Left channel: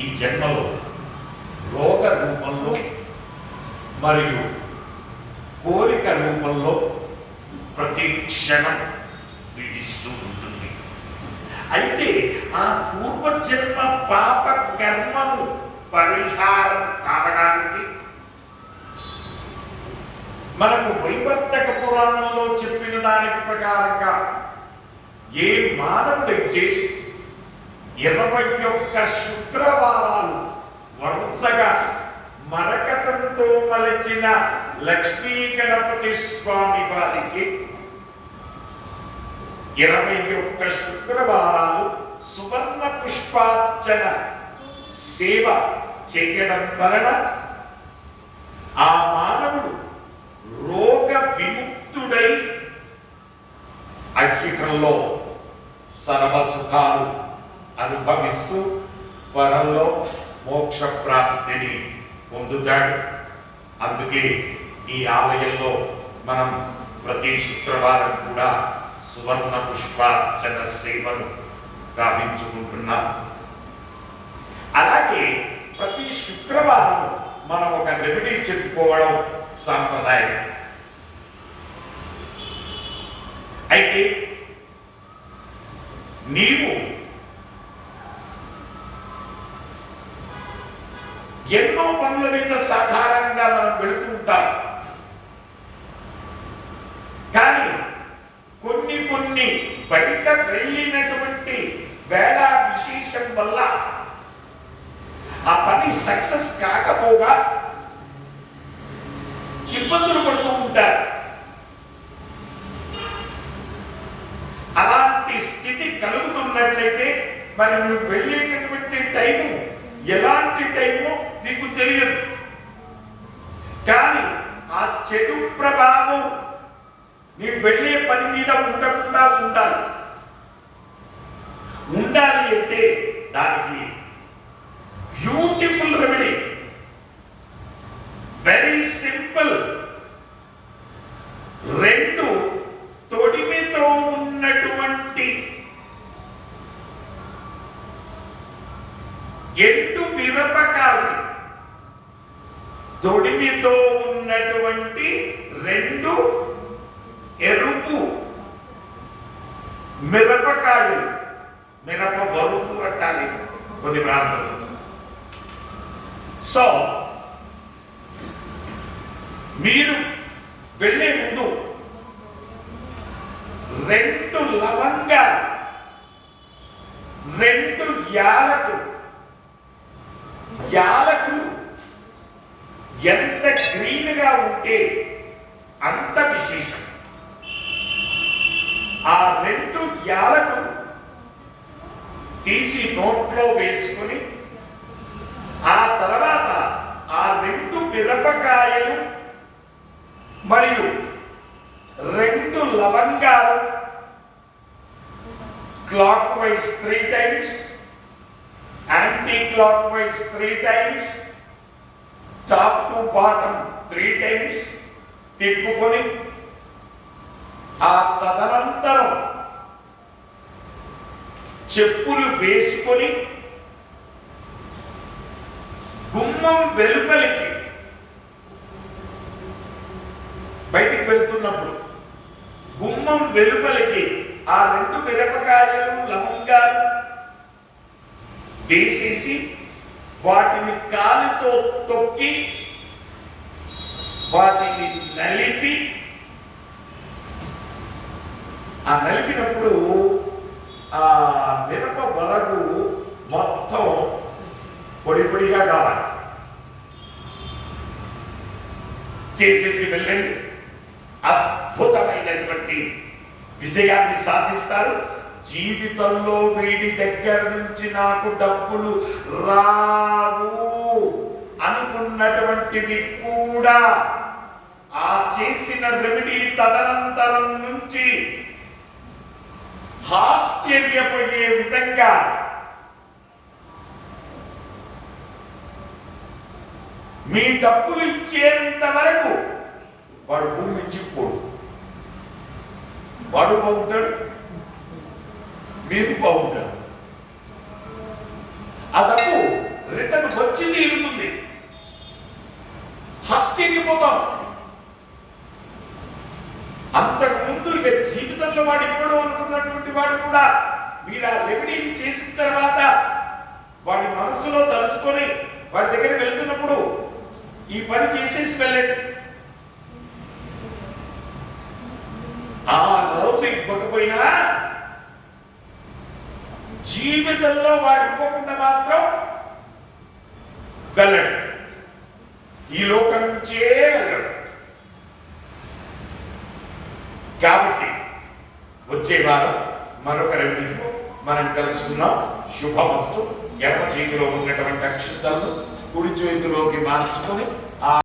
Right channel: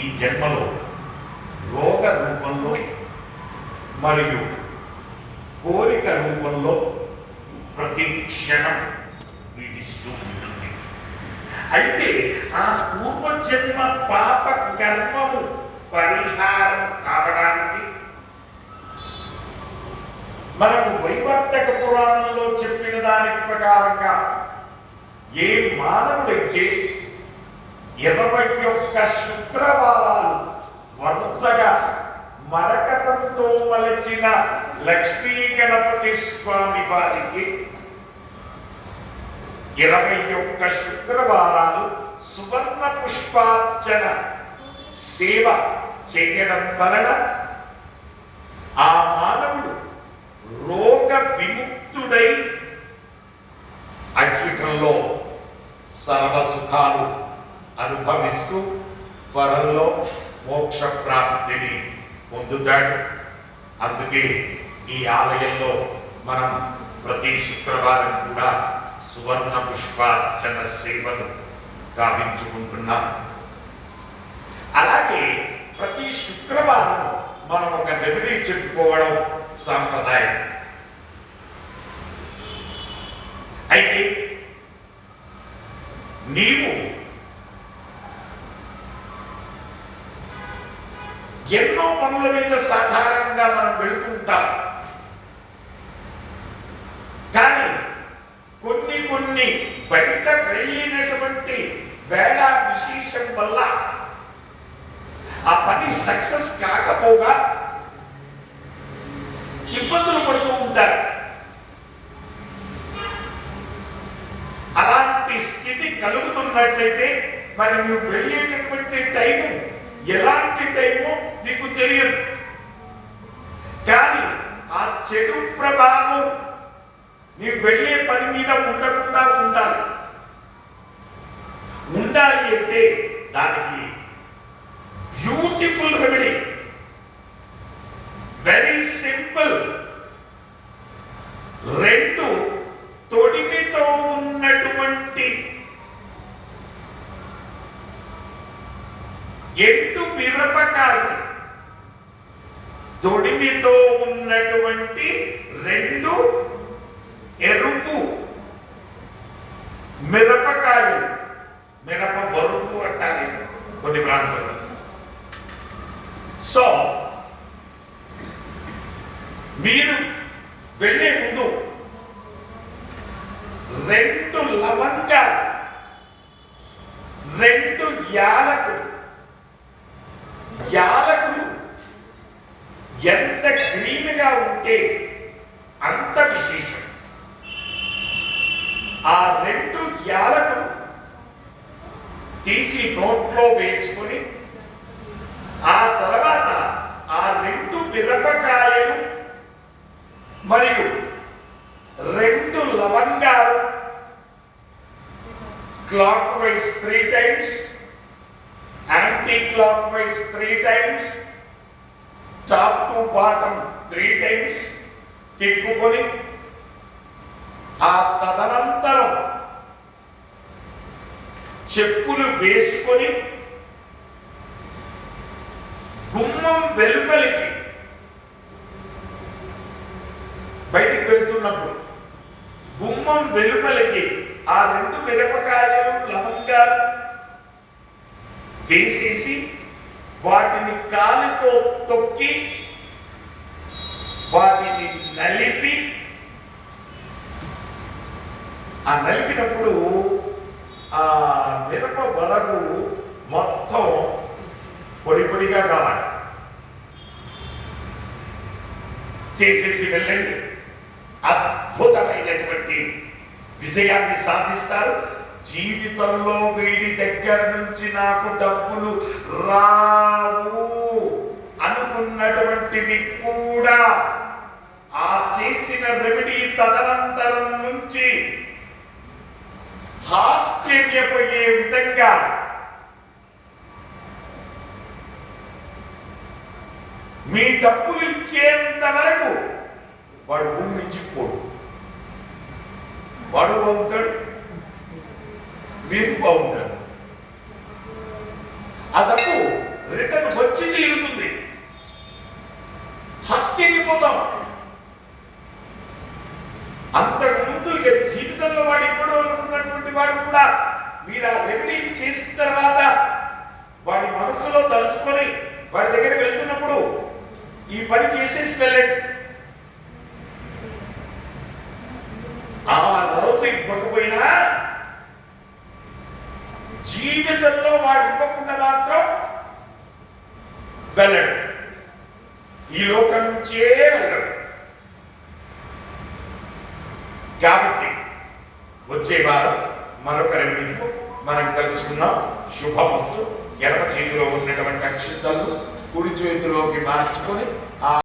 ఈ జన్మలో రోగ రూపంలో మరియు కోరిక రూపంలో ప్రతి క్షణం పీడిస్తూ ఉంటుంది. అయితే ఆ పూర్వజన్మ పాప కర్మము పరిహారం కావడానికి మనకు వైవర్తక పురాణంలో చెప్పిన దాని ప్రకారంగా ఏ మానవుడైతే ఇరవై ఒక్క శుక్రవారాలు వరుసగా మరకతంతో మలచిన లక్ష్మీ గణపతి స్వామి వారికి ఇరవై ఒక్క శుక్రవారాలు సువర్ణ పుష్పార్చన సేవ చేయడం వలన ఆ మానవుడు రోగ విముక్తుడై ఐహికంలో సర్వ సుఖాలు అనుభవిస్తూ పరంలో మోక్ష ప్రాప్తిని పొందుతాడు. అందుకే ఈ ఆలయంలో మనం ప్రతి శుక్రవారం కూడా సువర్ణ పుష్పార్చన సేవను గావించుకుంటున్నాం. అలాగే ప్రతి శుక్రవారం మనం ఒక రెమెడీ చెప్పుకోవడం సాంప్రదాయం. అయితే నీవు ఎన్నో పనుల మీద సాధారణంగా మనం వెళుతూ ఉంటాం. కానీ కొన్ని కొన్ని బయట వెళ్ళినటువంటి వేళ విశేషం వల్ల ఆ పని సక్సెస్ కాకపోగా ఇబ్బందులు పడుతూ ఉంటారు. అలాంటి స్థితి కలుగుతున్నట్లయితే మరి నువ్వు వెళ్ళేటటువంటి టైము ఎలాంటి టైమో నీకు తెలియదు. కానీ ఆ చెడు ప్రభావం నీ వెళ్ళే పని మీద ఉండకుండా ఉండాలి. ఉండాలి అంటే దానికి బ్యూటిఫుల్ రెమెడీ వెరీ సింపుల్ రెండు తొడిమితో ఉన్నటువంటి ఎండు మిరపకాయ తొడిమితో ఉన్నటువంటి రెండు ఎరుపు మిరపకాయలు మిరప బరువు అంటారు కొన్ని ప్రాంతాలు సో మీరు వెళ్ళే ముందు రెండు లవంగాలు రెండు యాలకులు యాలకులు ఎంత గ్రీన్గా ఉంటే అంత విశేషం. ఆ రెండు యాలకులు తీసి నోట్లో వేసుకొని ఆ తర్వాత ఆ రెండు మిరపకాయలు మరియు రెండు లవంగాలు clockwise three times anticlockwise three times top to bottom three times తిప్పుకొని ఆ తదనంతరం చెప్పులు వేసుకొని గుమ్మం వెలుపలికి బయటికి వెళ్తున్నప్పుడు గుమ్మం వెలుపలికి ఆ రెండు మిరపకాయలు లవంగాలు వేసేసి వాటిని కాలితో తొక్కి వాటిని నలిపి ఆ నలిపినప్పుడు ఆ మిరప వరకు మొత్తం పొడి పొడిగా కావాలి. చేసేసి వెళ్ళండి. అద్భుతమైనటువంటి విజయాన్ని సాధిస్తారు. జీవితంలో వీడి దగ్గర నుంచి నాకు డబ్బులు రావు అనుకున్నటువంటివి కూడా ఆ చేసిన రెమెడీ తదనంతరం నుంచి ఆశ్చర్యపోయే విధంగా మీ డబ్బులు ఇచ్చేంత వరకు వాడు భూమి ఇచ్చిపోడు వాడు బాగుంటాడు మీరు బాగుంటారు ఆ డబ్బు రిటర్న్ వచ్చి తీరుతుంది హస్తిపోతాం అంతకు ముందు జీవితంలో వాడి కూడా అనుకున్నటువంటి వాడు కూడా మీరు ఆ రెమెడీ చేసిన తర్వాత వాడి మనసులో తలుచుకొని వాడి దగ్గర వెళ్తున్నప్పుడు ఈ పని చేసేసి వెళ్ళండి. ఆ రోజు ఇవ్వకపోయినా జీవితంలో వాడు ఇవ్వకుండా మాత్రం వెళ్ళడు. ఈ లోకం నుంచే వెళ్ళడు. కాబట్టి వచ్చే వారం మరొక రెండింటిలో మనం కలుసుకుందాం. శుభమస్తు. ఎడమ చేతిలో ఉన్నటువంటి అక్షింతలను కుడి చేతిలోకి మార్చుకొని ఆ